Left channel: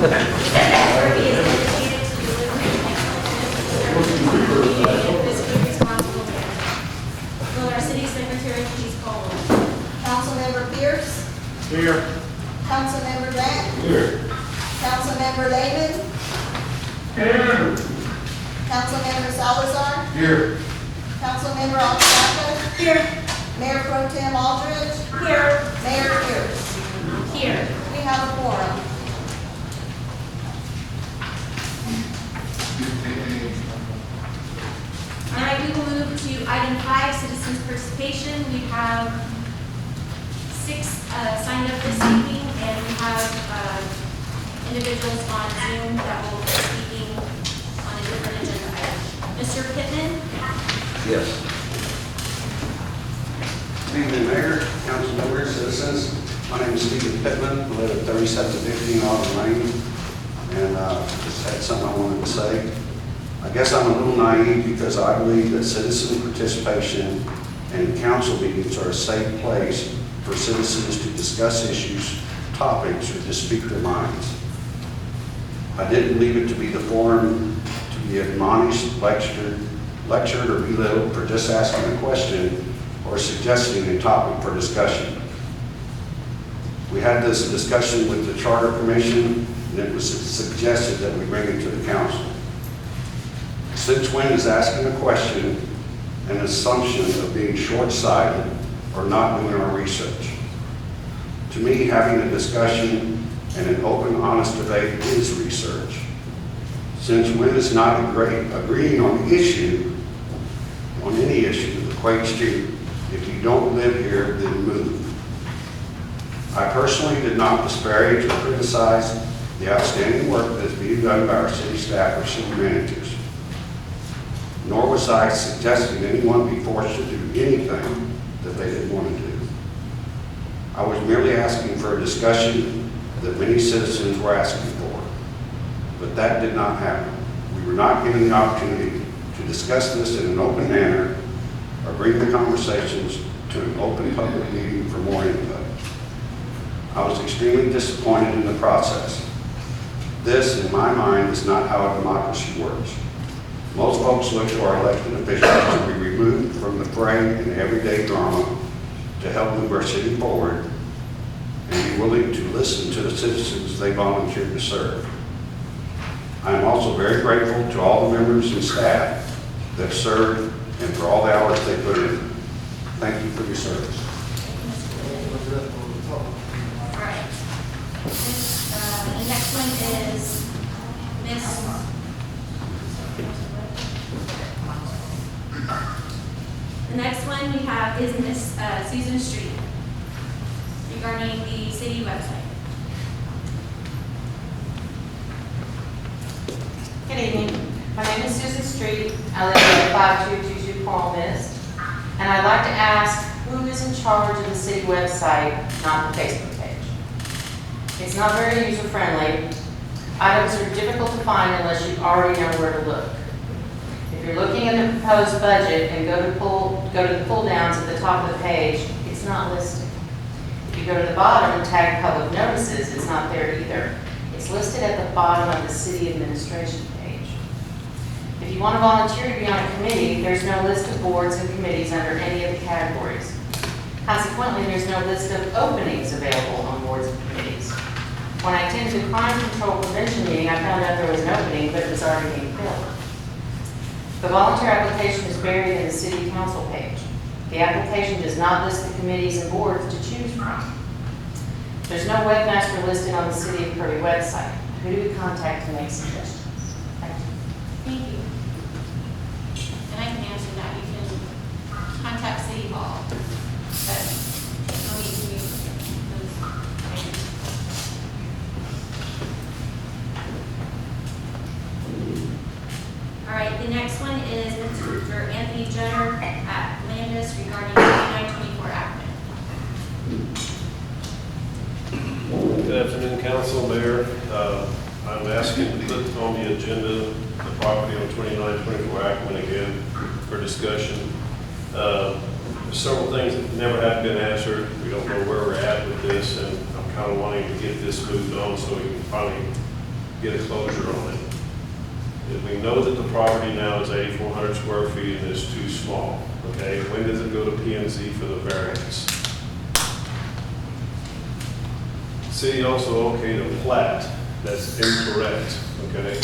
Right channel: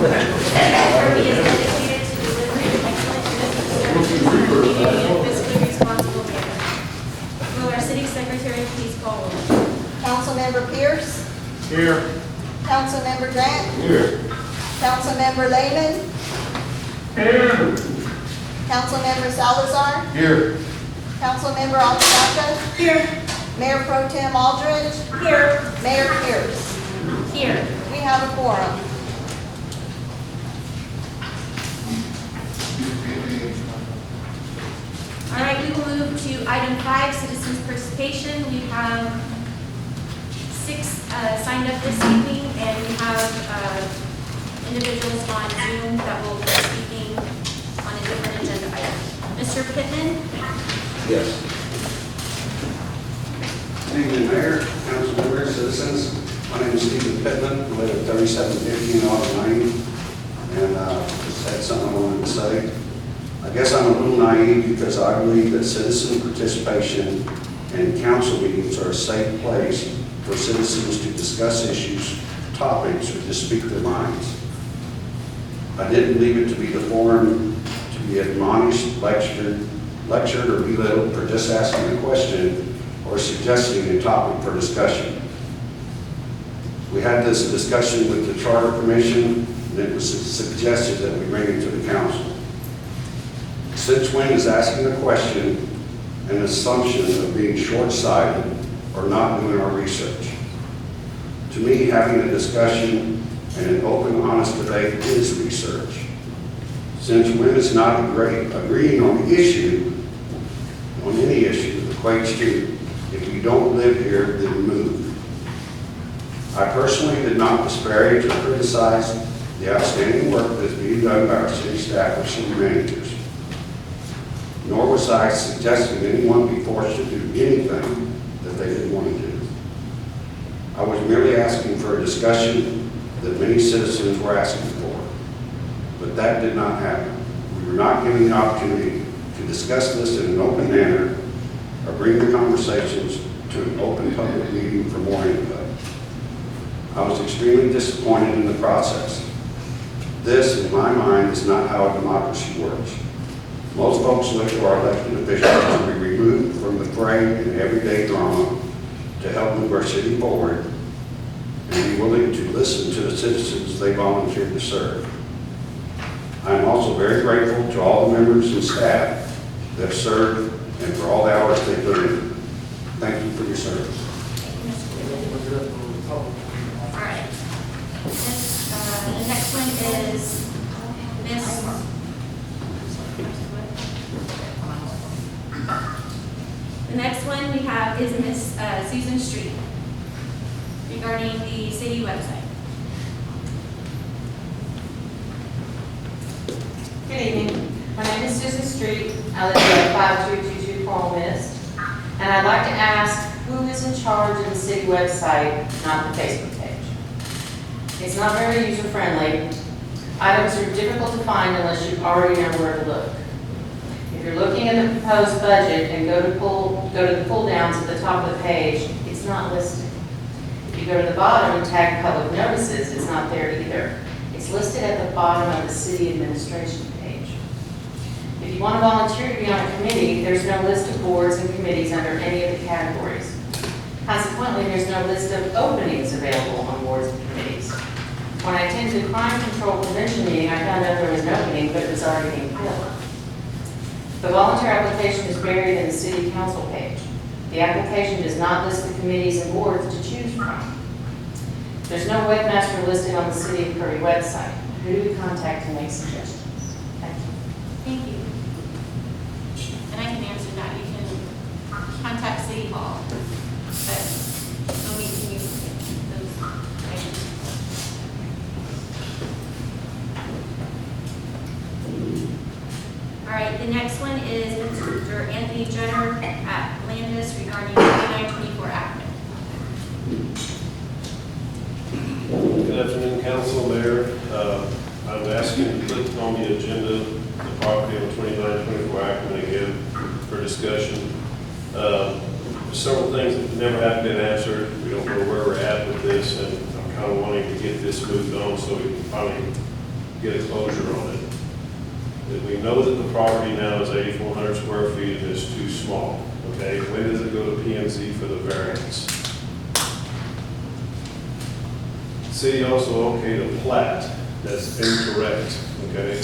Kirby is dedicated to delivering excellent business services in a fiscally responsible manner. Will our city secretary please call roll? Councilmember Pierce. Here. Councilmember Grant. Here. Councilmember Lehman. Here. Councilmember Salazar. Here. Councilmember Alvarado. Here. Mayor Pro Tem Aldridge. Here. Mayor Pierce. Here. We have a quorum. All right, we will move to item 5, citizens participation. We have 6 signed up this evening, and we have individuals on Zoom that will be speaking on a different agenda item. Mr. Pittman? Yes. Good evening, Mayor, council members, citizens. My name is Stephen Pittman. I live at 3715 Auburn Lane, and just had something I wanted to say. I guess I'm a little naive because I believe that citizen participation and council meetings are a safe place for citizens to discuss issues, topics, or just speak their minds. I didn't believe it to be the forum to be admonished, lectured, or belittled for just asking a question or suggesting a topic for discussion. We had this discussion with the Charter Commission, and it was suggested that we bring it to the council. Since when is asking a question an assumption of being short-sighted or not doing our research? To me, having a discussion and an open, honest debate is research. Since when is not agreeing on the issue, on any issue, equates to if you don't live here, then move. I personally did not disparage or criticize the outstanding work that's being done by our city staff or city managers. Nor was I suggesting anyone be forced to do anything that they didn't want to do. I was merely asking for a discussion that many citizens were asking for. But that did not happen. We were not given the opportunity to discuss this in an open manner or bring the conversations to an open public meeting for more input. I was extremely disappointed in the process. This, in my mind, is not how a democracy works. Most folks look to our elected officials to be removed from the fray and everyday drama to help move our city forward and be willing to listen to the citizens they volunteered to serve. I am also very grateful to all the members and staff that have served and for all the hours they put in. Thank you for your service. All right. The next one is Miss. The next one we have is Miss Susan Street regarding the city website. Good evening. My name is Susan Street. I live at 5222 Coral Mist. And I'd like to ask who is in charge of the city website, not the Facebook page. It's not very user-friendly. Items are difficult to find unless you already know where to look. If you're looking at the proposed budget and go to the pull downs at the top of the page, it's not listed. If you go to the bottom and tag public notices, it's not there either. It's listed at the bottom of the city administration page. If you want to volunteer to be on a committee, there's no list of boards and committees under any of the categories. Consequently, there's no list of openings available on boards and committees. When I attended the crime control prevention meeting, I found out there was an opening, but it was already being filled. The volunteer application is buried in the city council page. The application does not list the committees and boards to choose from. There's no webmaster listed on the City of Kirby website. Who do we contact to make suggestions? Thank you. Thank you. And I can answer that. You can contact City Hall, but no need to use those items. All right, the next one is Mr. Anthony Jenner at Landis regarding 2924 Acton. Good afternoon, Council, Mayor. I'm asking to put on the agenda the property on 2924 Acton again for discussion. There's several things that never have been answered. We don't know where we're at with this, and I'm kind of wanting to get this moved on so we can finally get a closure on it. That we know that the property now is 8,400 square feet and is too small, okay? When does it go to P&Z for the variance? City also okayed a plat that's incorrect, okay?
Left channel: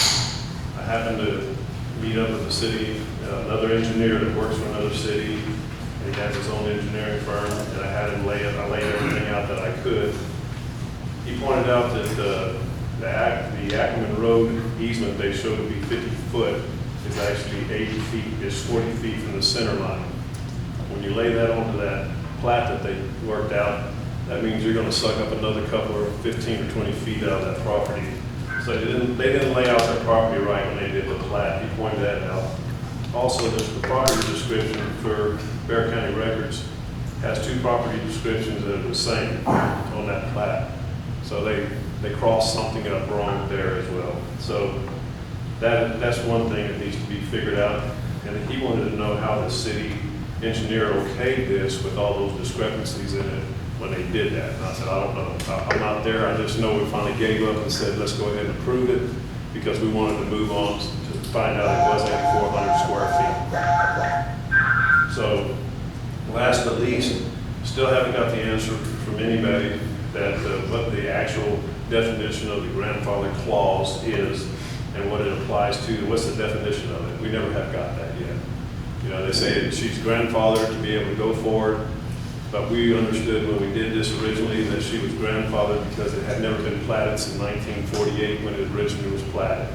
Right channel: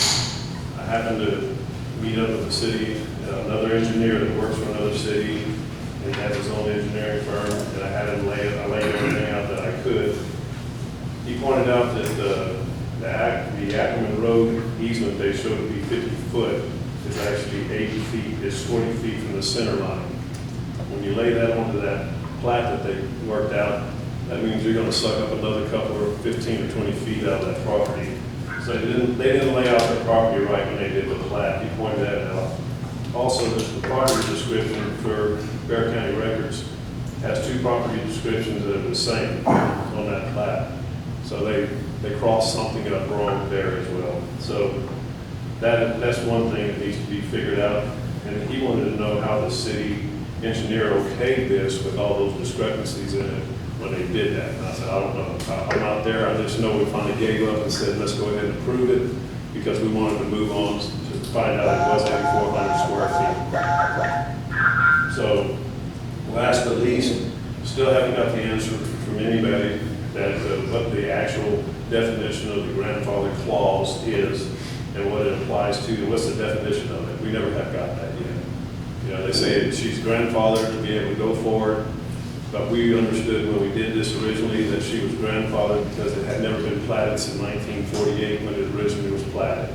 I happened to meet up with the city, another engineer that works for another city, and he has his own engineering firm, and I had him laid everything out that I could. He pointed out that the Ackerman Road easement they showed to be 50 foot is actually 80 feet, it's 40 feet from the center line. When you lay that onto that plat that they worked out, that means you're gonna suck up another couple or 15 or 20 feet out of that property. So they didn't lay out their property right when they did the plat. He pointed that out. Also, there's the property description for Bear County Records has two property descriptions that are the same on that plat. So they crossed something up wrong there as well. So that's one thing that needs to be figured out. And he wanted to know how the city engineer okayed this with all those discrepancies in it when they did that. And I said, I don't know. I'm not there. I just know we finally gave up and said, let's go ahead and approve it because we wanted to move on to find out it was 8,400 square feet. So last but least, still haven't got the answer from anybody that what the actual definition of the grandfather clause is and what it applies to. What's the definition of it? We never have got that yet. You know, they say she's grandfathered to be able to go forward, but we understood when we did this originally that she was grandfathered because it had never been platted since 1948 when it originally was platted.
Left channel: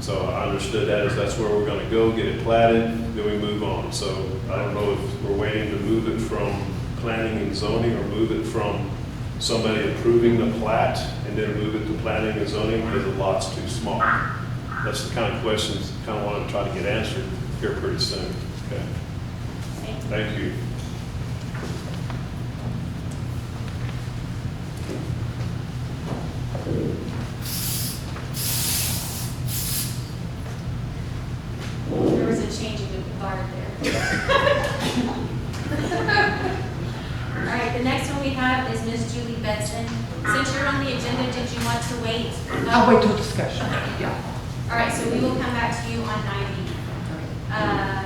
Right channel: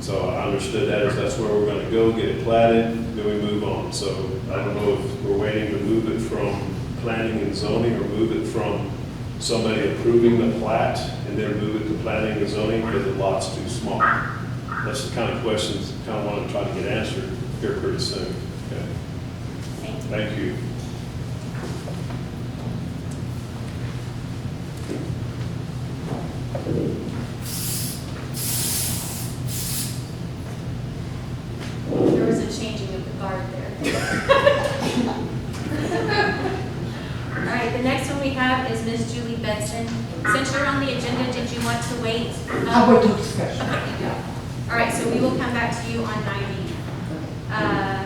So I understood that as that's where we're going to go, get it platted, then we move on. So I don't know if we're waiting to move it from planning and zoning or move it from somebody approving the plat and then move it to planning and zoning because the lot's too small. That's the kind of questions I kind of want to try to get answered here pretty soon. Okay. Thank you. There was a changing of the guard there. All right, the next one we have is Ms. Julie Benson. Since you're on the agenda, did you want to wait? I'll wait till discussion. All right, so we will come back to you on 9E.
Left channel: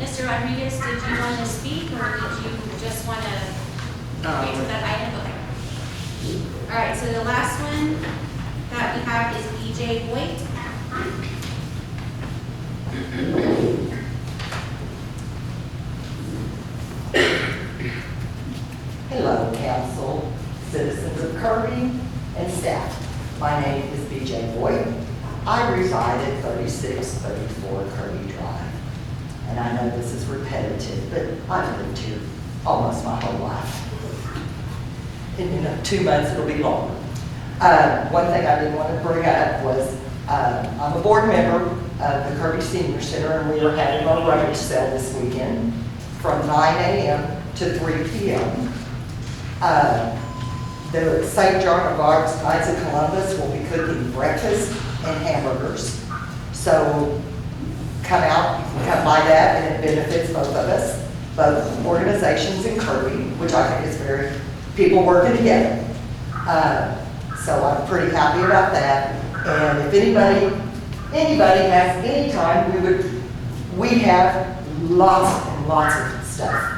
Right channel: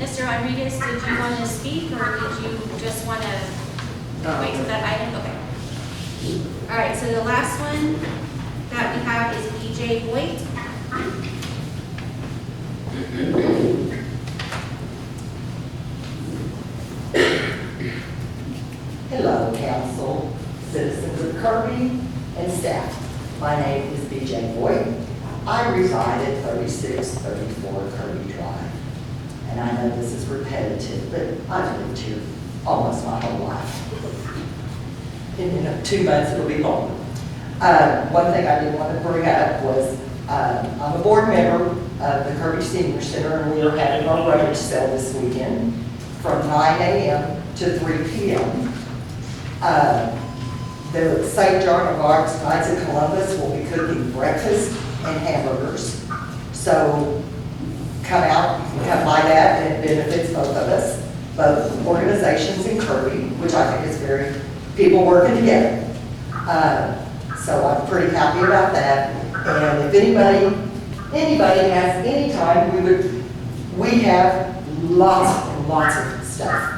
Mr. Rodriguez, did you want to speak or did you just want to wait till that item? Okay. All right, so the last one that we have is BJ Voigt. Hello, council, citizens of Kirby, and staff. My name is BJ Voigt. I reside at 3634 Kirby Drive. And I know this is repetitive, but I've lived here almost my whole life. In 2 months, it'll be longer. One thing I did want to bring up was I'm a board member of the Kirby Senior Center, and we are having our rummage sale this weekend from 9 a.m. to 3 p.m. The St. John of Arc's Knights of Columbus will be cooking breakfast and hamburgers. So come out, come by that, and it benefits both of us, both organizations in Kirby, which I think is very, people working together. So I'm pretty happy about that. And if anybody has any time, we have lots and lots of stuff.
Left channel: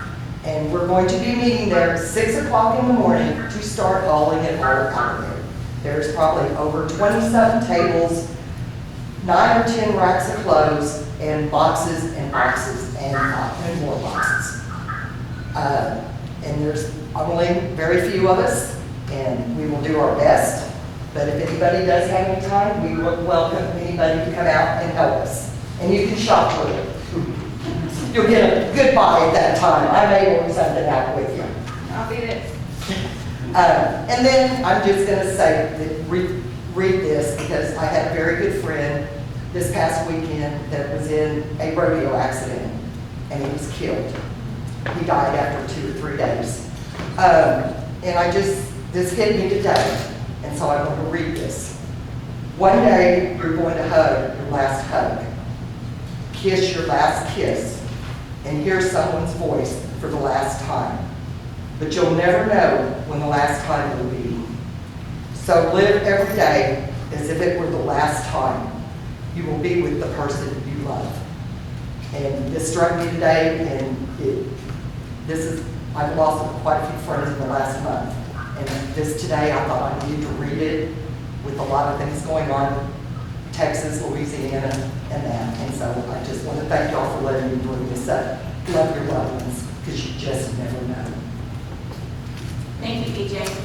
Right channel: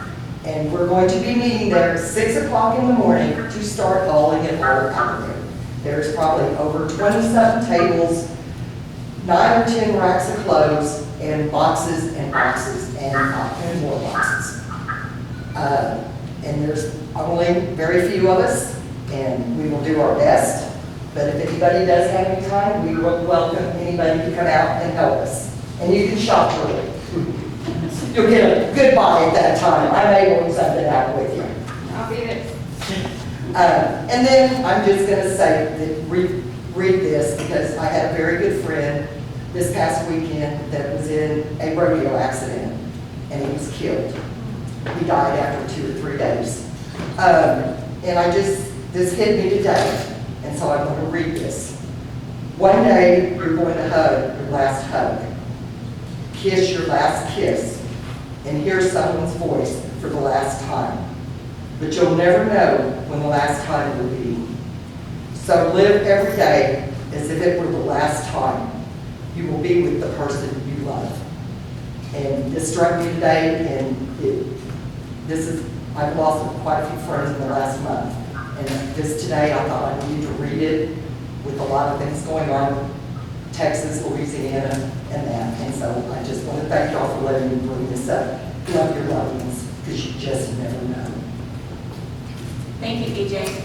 And we're going to be meeting there at 6 o'clock in the morning to start hauling it all out of there. There's probably over 27 tables, 9 or 10 racks of clothes, and boxes and boxes and more boxes. And there's only very few of us, and we will do our best. But if anybody does have any time, we will welcome anybody to come out and help us. And you can shop for it. You'll get a good buy at that time. I may work something out with you. I'll be there. And then I'm just going to say, that read this, because I had a very good friend this past weekend that was in a rodeo accident, and he was killed. He died after 2 or 3 days. And this hit me today, and so I want to read this. One day, you're going to hug your last hug, kiss your last kiss, and hear someone's voice for the last time. But you'll never know when the last time will be. So live every day as if it were the last time you will be with the person you love. And this struck me today, and I've lost quite a few friends in the last month. And this today, I thought I needed to read it with a lot of things going on, Texas, Louisiana, and that. And so I just want to thank y'all for letting me bring this up. Love your loved ones, because you just never know. Thank you, BJ.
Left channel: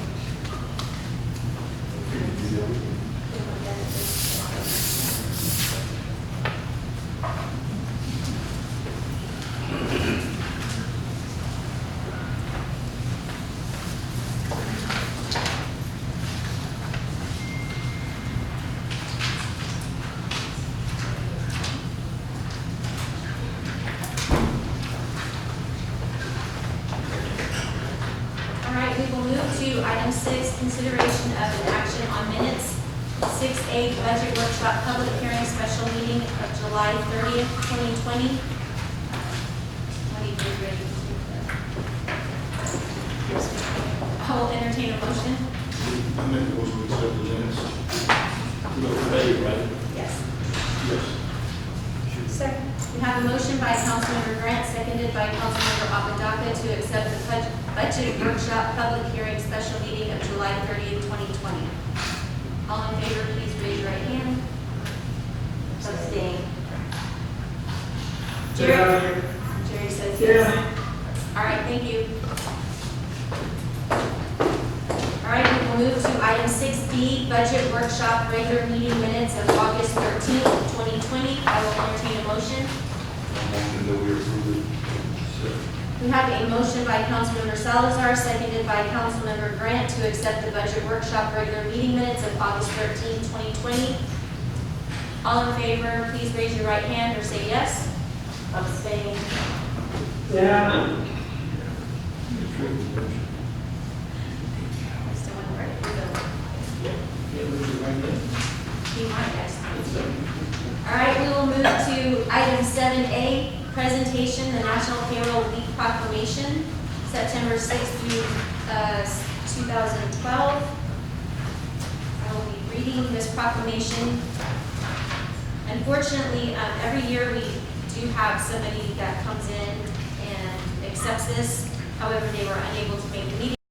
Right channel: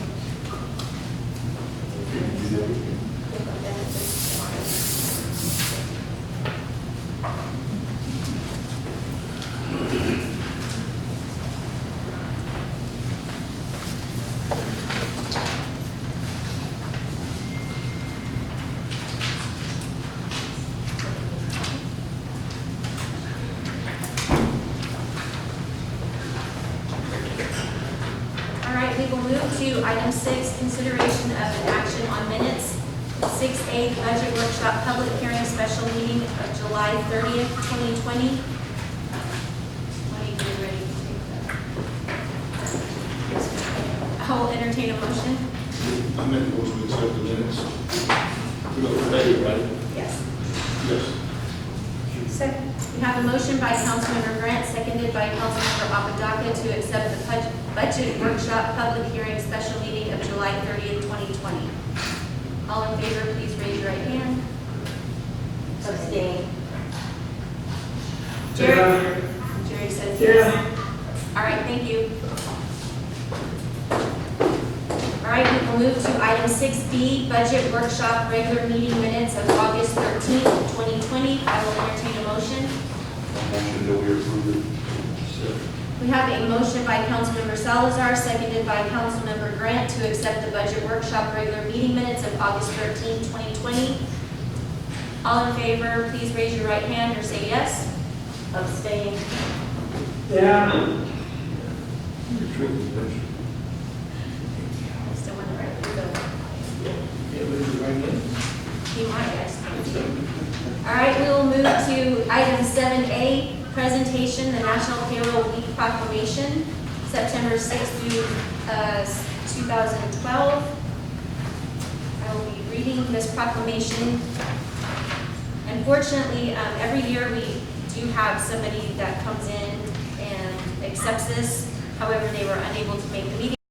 All right, we will move to item 6, consideration of an action on minutes. 6A, budget workshop, public hearing, special meeting of July 30th, 2020. What are you guys ready to take that? I will entertain a motion. I make a motion to accept the minutes. We go for David, right? Yes. Yes. Second. We have a motion by Councilmember Grant, seconded by Councilmember Apodaca to accept the budget workshop public hearing special meeting of July 30th, 2020. All in favor, please raise your right hand. Abstain. Jerry? Jerry says yes. All right, thank you. All right, we will move to item 6B, budget workshop regular meeting minutes of August 13th, 2020. I will entertain a motion. Motion that we approve it. We have a motion by Councilmember Salazar, seconded by Councilmember Grant to accept the budget workshop regular meeting minutes of August 13th, 2020. All in favor, please raise your right hand or say yes. Abstain. Yeah. I still want to write it. He might, yes. All right, we will move to item 7A, presentation, the National Payroll Week Proclamation, September 6th through 2012. I will be reading this proclamation. Unfortunately, every year we do have somebody that comes in and accepts this. However, they were unable to make the meeting.